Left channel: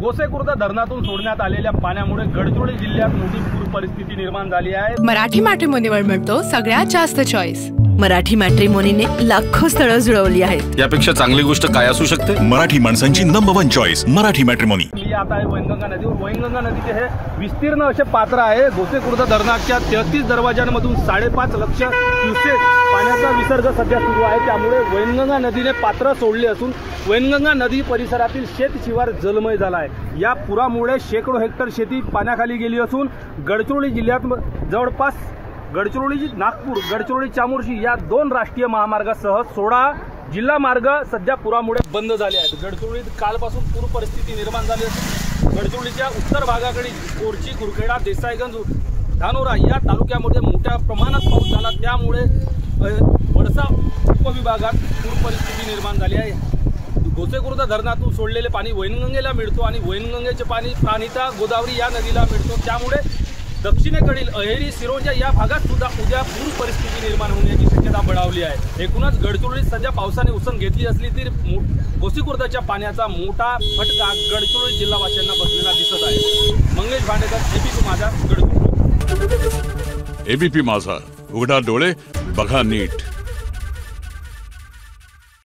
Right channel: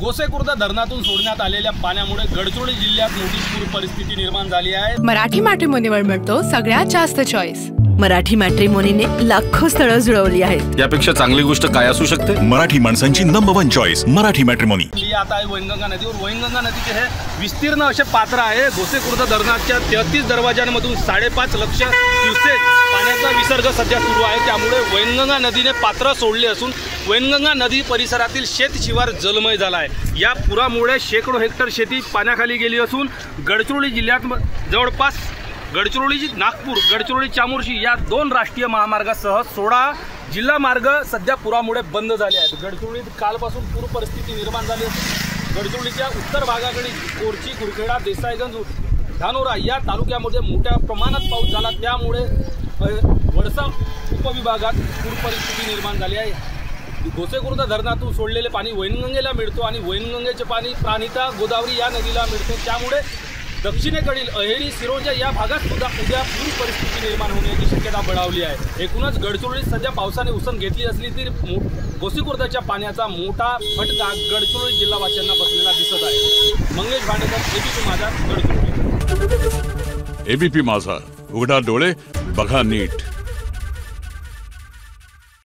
गोसेखुर्द धरणातून सोडण्यात आलेल्या पाण्यामुळे गडचिरोली जिल्ह्यात मोठी पूर परिस्थिती निर्माण झाली आहे। मराठी मॅट्रिमोनीवर मिळतो सगळ्यात जास्त चॉईस। मराठी मॅट्रिमोनीने लाखो स्थळं जुळवली आहेत। यापेक्षा चांगली गोष्ट काय असू शकते? मराठी माणसांची नंबर 1 चॉईस मराठी मॅट्रिमोनी। मी आता आहे वैनगंगा नदीवर। वैनगंगा नदीचे हे विस्तीर्ण असे पात्र आहे। गोसेखुर्द धरणाच्या 33 दरवाजांमधून 5.5 लाख क्युसेक पाण्याचा विसर्ग सध्या सुरू आहे। त्यामुळे वैनगंगा नदीने पात्र सोडले असून वैनगंगा नदी परिसरातील शेत शिवार जलमय झाला आहे। या पुरामुळे शेकडो हेक्टर शेती पाण्याखाली गेली असून गडचिरोली जिल्ह्यात जवळपास गडचिरोली नागपूर गडचिरोली चामोर्शी या 2 राष्ट्रीय महामार्गासह 16 जिल्हा मार्ग सध्या पुरामुळे बंद झाले आहेत। गडचिरोलीत कालपासून पूर परिस्थिती निर्माण झाली असून गडचिरोलीच्या उत्तर भागाकडे कोरची कुरखेडा देसाईगंज धानोरा या तालुक्यामध्ये मोठ्या प्रमाणात पाऊस झाला। त्यामुळे वडसा उपविभागात पूर परिस्थिती निर्माण झाली आहे। गोसेखुर्द धरणातून सोडलेले पाणी वैनगंगेला मिळतो आणि वैनगंगेचे पाणी प्राणिता गोदावरी या नदीला मिळतो। त्यामुळे दक्षिणेकडील अहेरी सिरोंजा या भागात सुद्धा उद्या पूर परिस्थिती निर्माण होण्याची शक्यता बळावली आहे। एकूणच गडचिरोलीत सध्या पावसाने उसण घेतली असली तरी गोसेखुर्दच्या पाण्याचा मोठा फटका गडचिरोली जिल्हावासियांना बसलेला दिसत आहे। मंगेश भांडेकर, एबीपी माझा, गडचिरोली। एबीपी माझा, उघडा डोळे बघा नीट।